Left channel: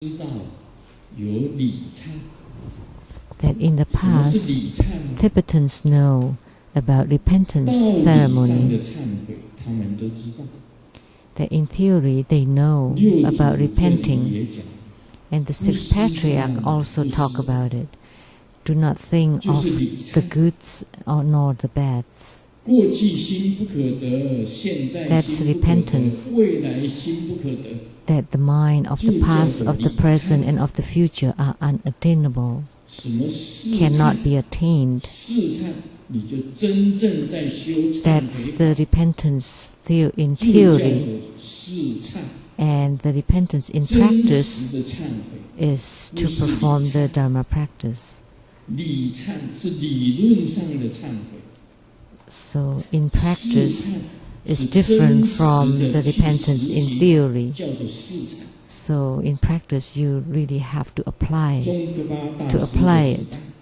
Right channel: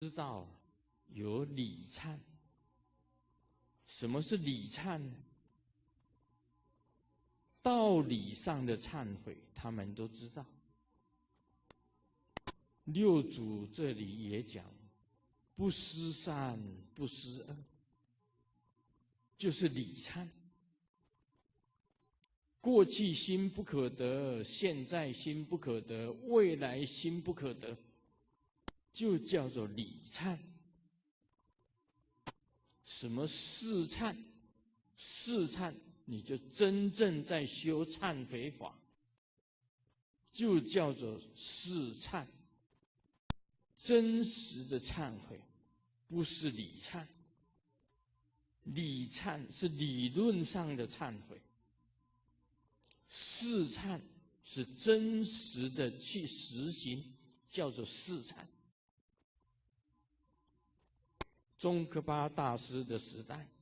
that in the past, Tibetans know about repentance ceremony. That in theory they know about repenting, and the six patriarchs also talk about it. Do not think of the goods or nor the bads. That's repentance. That the mind of the past, of the present, and of the future are unattainable, cannot be attained. That's the repentance in theory. And the repentance in practice is to perform the Dharma practice. So in practice, it's different from the repentance in theory. So in practice, you really have to apply it,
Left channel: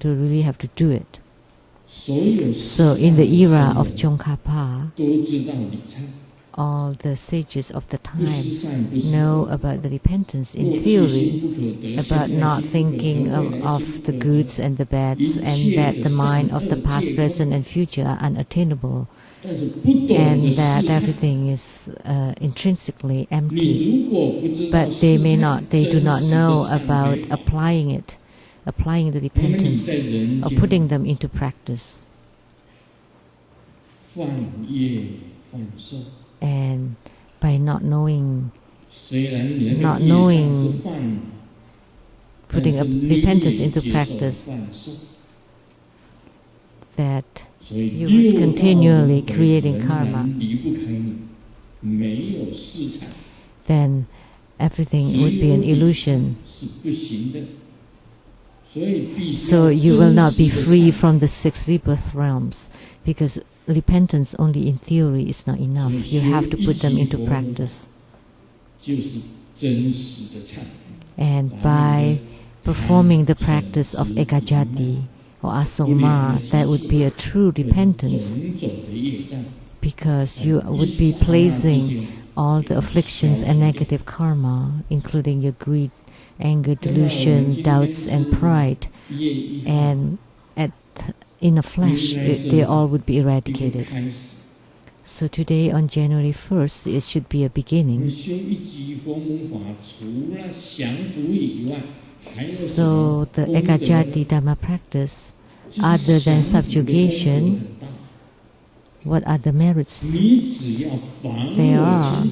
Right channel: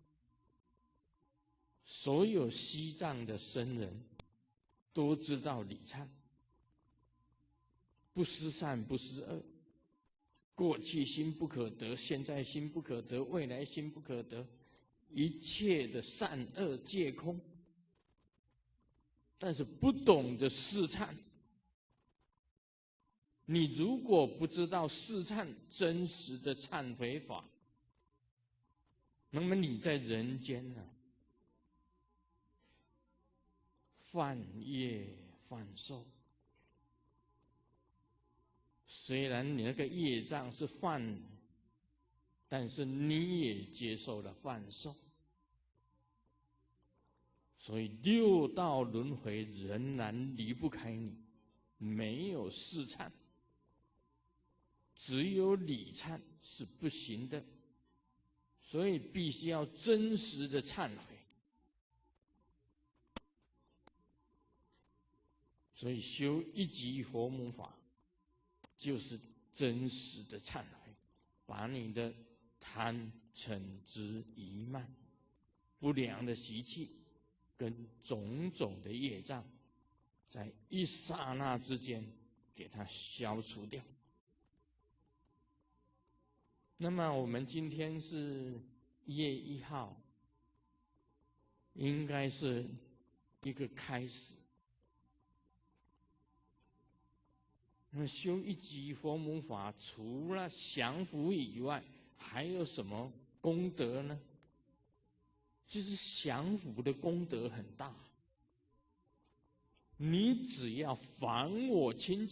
to really have to do it. So in the era of Tsongkhapa, all the sages of the time know about the repentance in theory, about not thinking of the goods and the bads, and that the mind of the past, present, and future are unattainable, and that everything is intrinsically empty. But they do not know about applying the repentance, or putting them into practice. And by not knowing putting repentance into practice, that you would continually creating karma, then everything would be an illusion. So you will not be free from the 6 rebirth realms, because repentance only in theory is not enough. You have to put them into practice. And by performing the practice of ekajati or asoma, that would be a true repentance, because you would be placing all the afflictions and negative karma, including your greed, anger, delusion, doubts, and pride, and in a flash, they all would be eradicated. So today, on January 1st, it should be a beginning. So the ekajati Dharma practice, other than subjugation, what are the merits there are?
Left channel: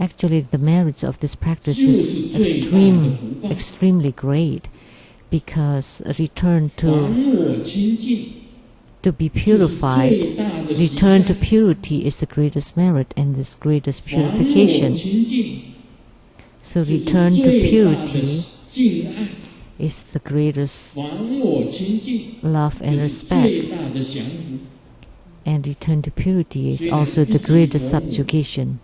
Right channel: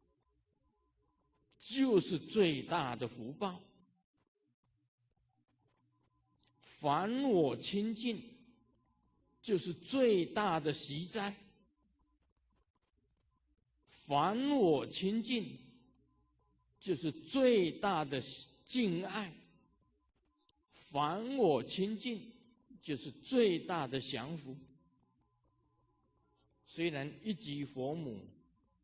Actually, the merits of this practice is extremely great, because return to be purified, return to purity is the greatest merit and this greatest purification. So return to purity is the greatest love and respect, and return to purity is also the greatest subjugation.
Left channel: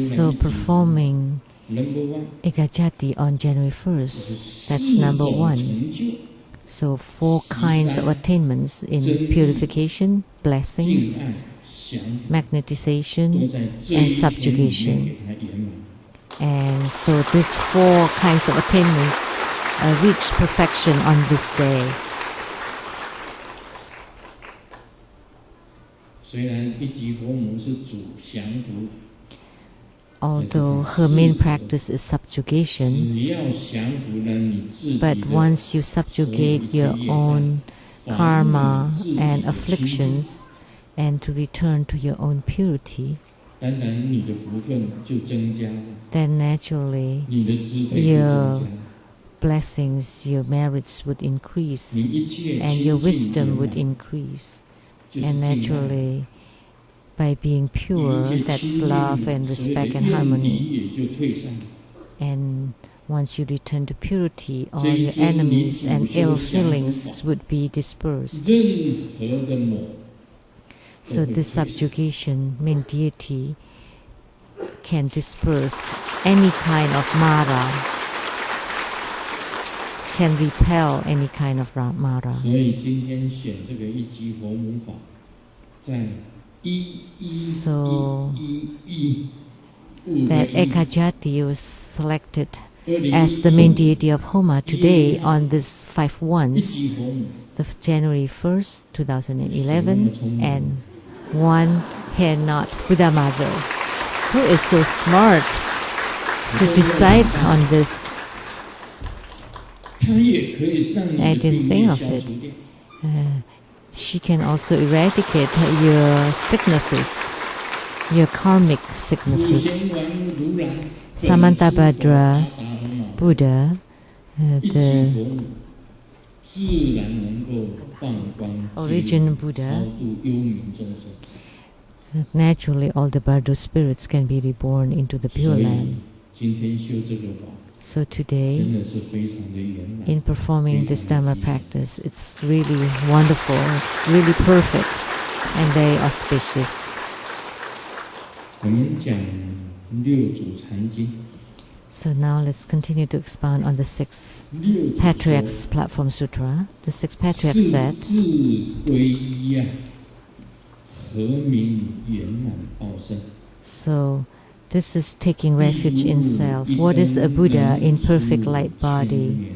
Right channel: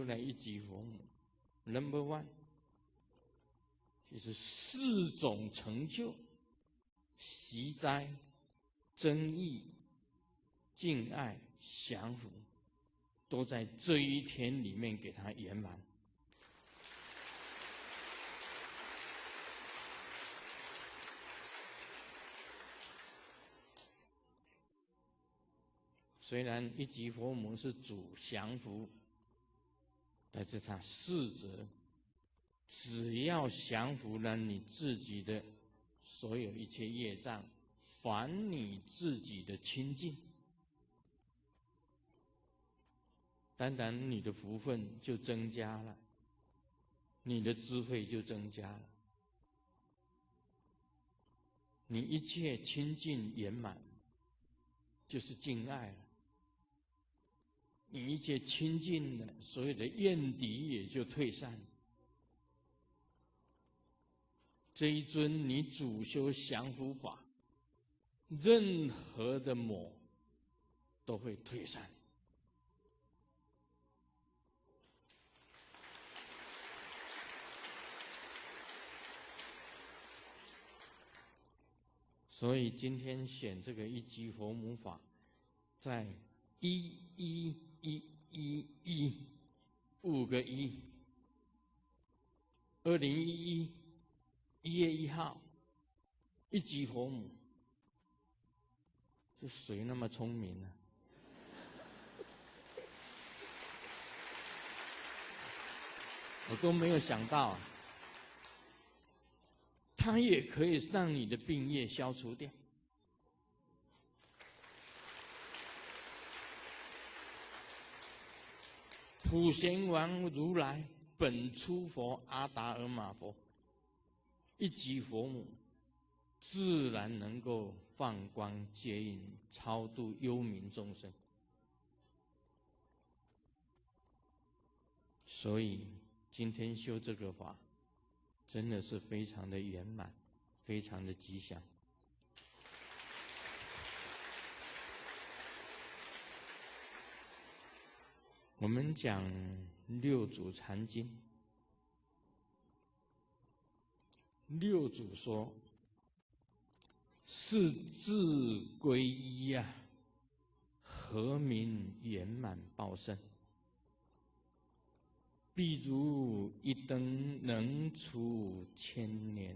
So performing ekajati on January 1st, that's number 1. So 4 kinds of attainments in purification, blessings, magnetization, and subjugation. And so these 4 kinds of attainments reach perfection on this day. Although her main practice is subjugation, but once you subjugate your own karma and afflictions and to return to your own purity, then naturally your blessings, your merits would increase, and your wisdom would increase. And naturally, by being pure, that's love and respect and harmony. And once you return to purity, all your enemies and ill feelings would be dispersed. So this subjugation, main deity, can disperse any kind of Mara, can repel any kind of Mara. So that Ekajati was selected as the main deity of Homa today on this 5 ones, the January 1st, 2011, and one hair knot Buddha Mother. Who is so smart to decide on this? I didn't think of it. She can also eradicate your sicknesses, your karmic sicknesses. Samantabhadra Buddha, the origin Buddha, naturally all the Bardo spirits can be reborn into the Pure Land. So today, in performing this Dharma practice, it's really wonderful, it's really perfect, and very auspicious. So now let's continue to expound on the 6 Patriarchs Platform Sutra. The 6 Patriarchs said, so this is taking refuge in self. What is a Buddha in perfect light body?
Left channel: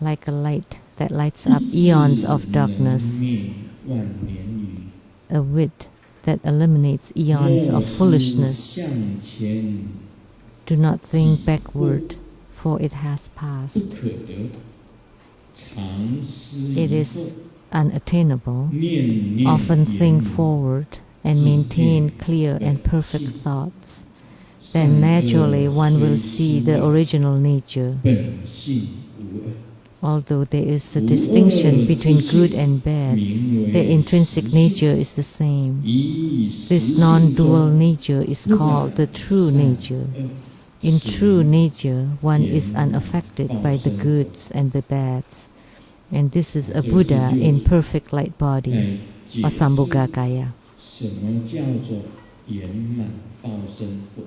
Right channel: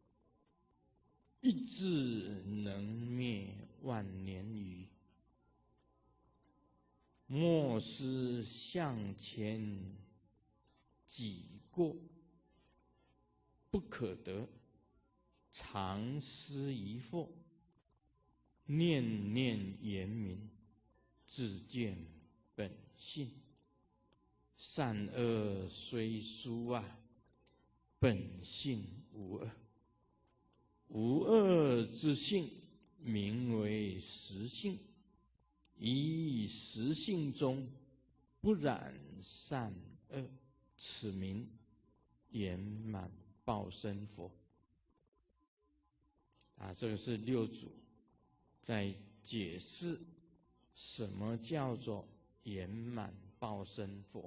Like a light that lights up eons of darkness. A wit that eliminates eons of foolishness. Do not think backward, for it has passed. It is unattainable. Often think forward and maintain clear and perfect thoughts. Then naturally one will see the original nature. Although there is a distinction between good and bad, their intrinsic nature is the same. This non-dual nature is called the true nature. In true nature, one is unaffected by the goods and the bads. And this is a Buddha in perfect light body, or Sambhogakaya.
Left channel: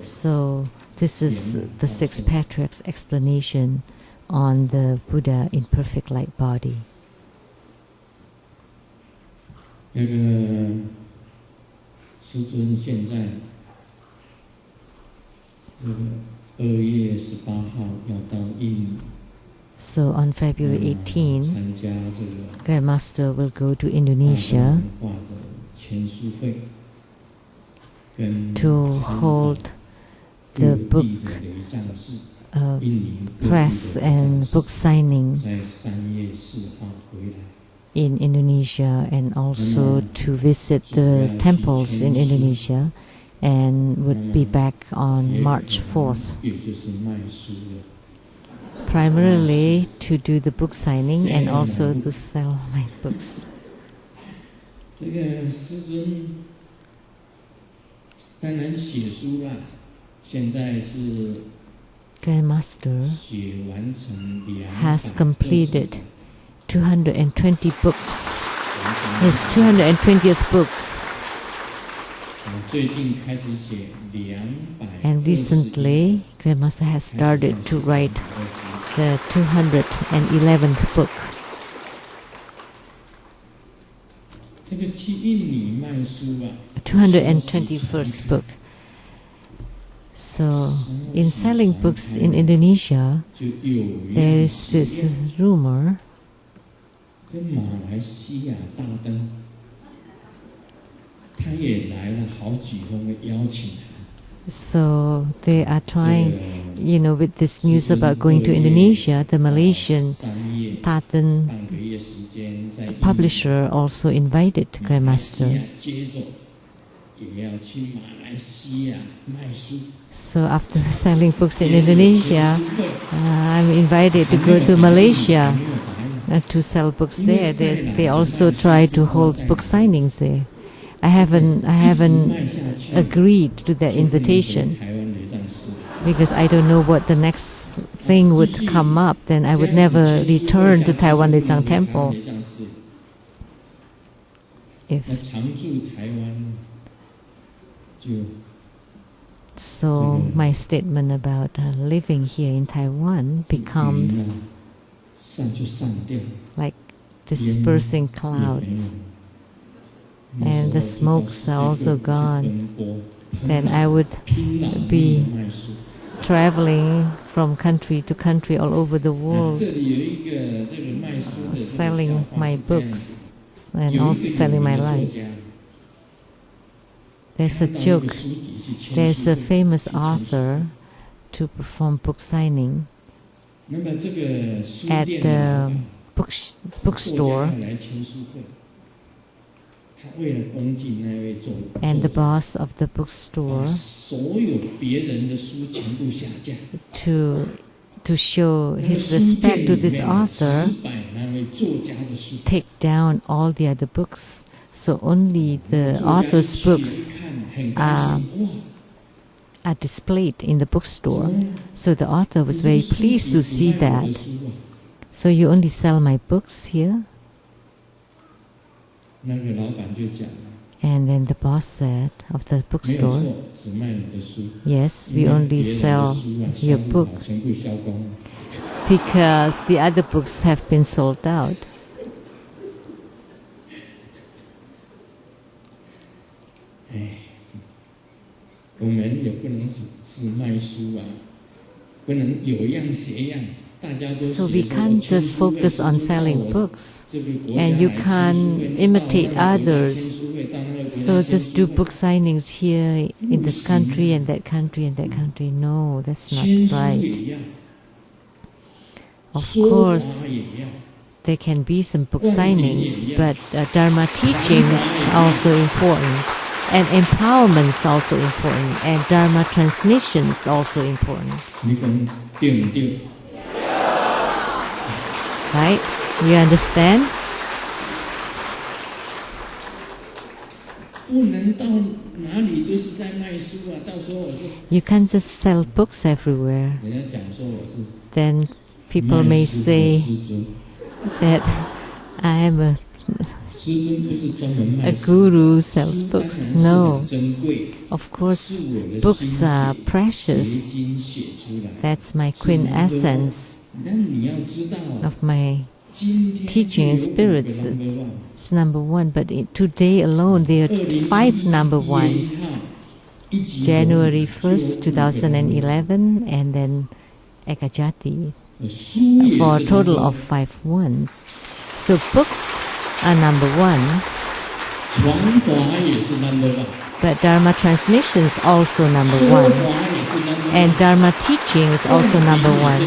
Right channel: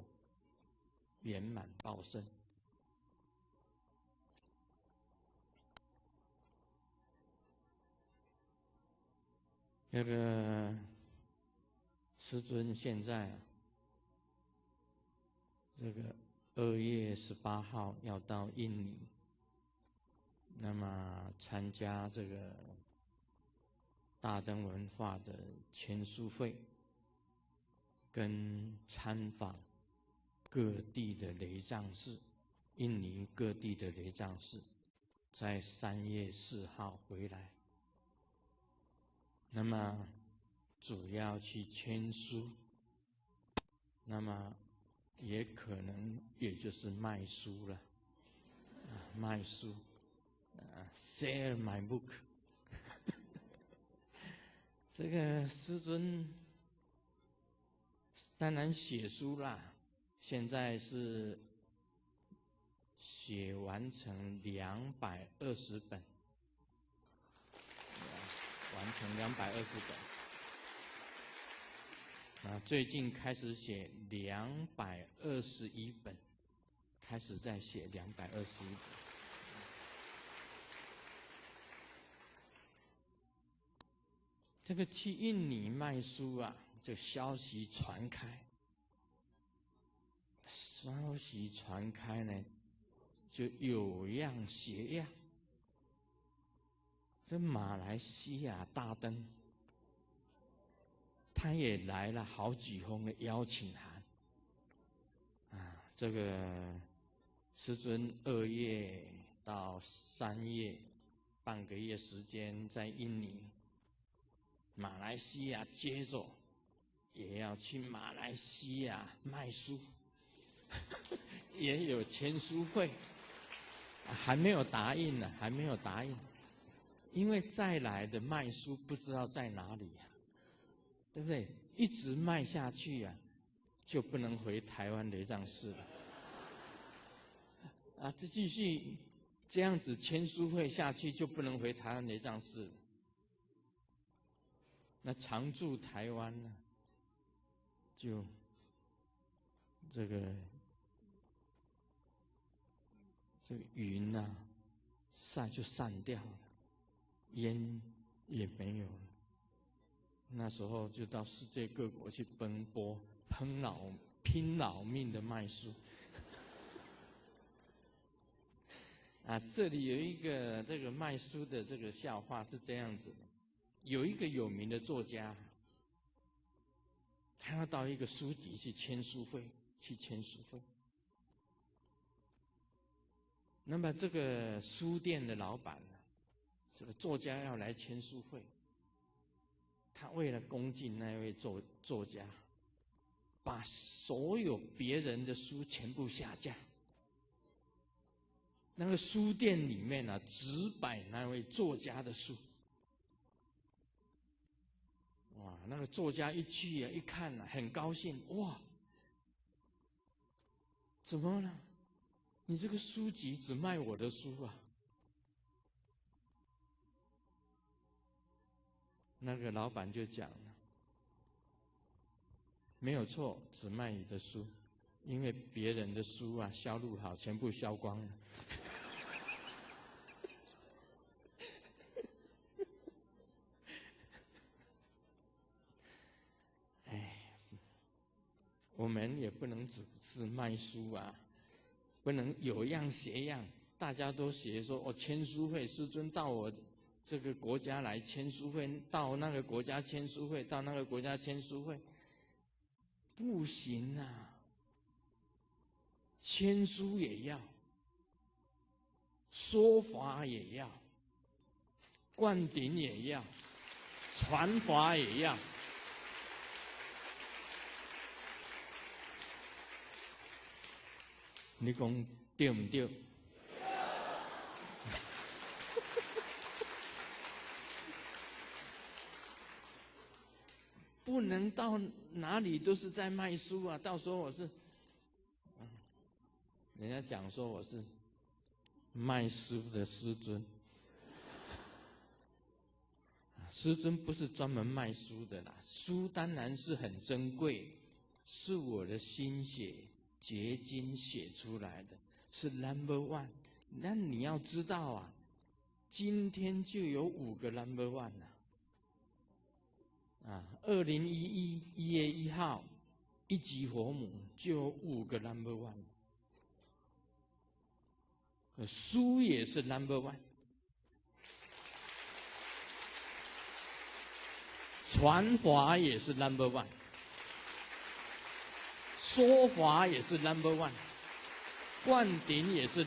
So this is the 6 Patriarchs' explanation on the Buddha in perfect light body. 2月18号要到印尼。 So on February 18, Grandmaster will go to Indonesia to hold the book press and book signing in Indonesia, and also to visit the temples in Indonesia, and would be back on March 4th. Primarily to do the book signing and also to sell my books. Grandmaster has completed 220 books, his 220th books. And recently, Grandmaster has started to write the 211th book. The 221st book. So, in selling books in Indonesia, there is this rumor so they are trying, with this news about going to Indonesia, the Malaysian Taten publisher also invited Grandmaster. So after selling books in Indonesia, I'm invited to go to Malaysia to sell books there. They also try to hold book signings there. I haven't agreed to that invitation because I don't know what the next thing would come up. Then I would never return to Taiwan Tsang Temple. So my statement about living here in Taiwan becomes like dispersing clouds. And the smokes are also gone. then I would be traveling from country to country all over the world, selling my books and also selling my life. There's a joke. There's a famous author to perform book signing at the bookstore, and the boss of the bookstore, to show his respect to this author, take down all the other books, so only the author's books are displayed in the bookstore. So the author was very pleased to see that. So you only sell my books here? And then the boss said of the bookstore, yes, we only sell your book because the other books have been sold out. So we can't just focus on selling books, and you can't imitate others. So just do book signings here in this country and that country and that country. No, that's not right. Of course, there can be some book signings, but Dharma teaching is also important, and empowerment is also important, and Dharma transmission is also important. Right? You understand? You can't just sell books everywhere. Then people may say that I am a guru who sells books. No. Of course, books are precious. That's my quintessence of my teaching and spirits. It's number one, but today alone there are 5 number ones. January 1st, 2011, and then Ekajati, for a total of 5 ones. So books are number one, but Dharma transmission is also number one, and Dharma teaching is also number one,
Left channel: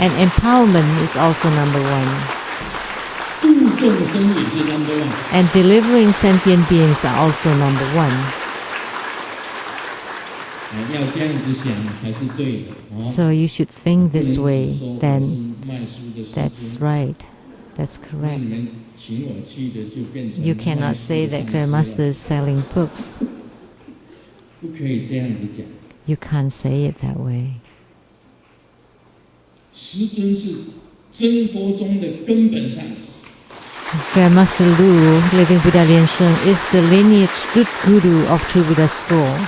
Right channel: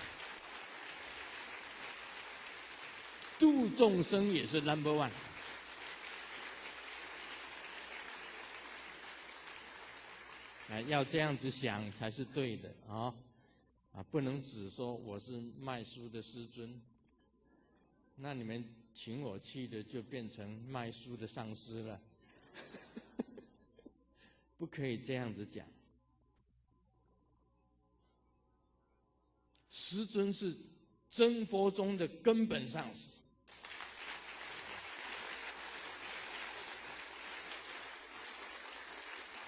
and empowerment is also number one, and delivering sentient beings are also number one. So you should think this way, then that's right, that's correct. You cannot say that Grandmaster is selling books. You can't say it that way. Grandmaster Lu, living Buddha Lian Sheng, is the lineage root guru of True Buddha School.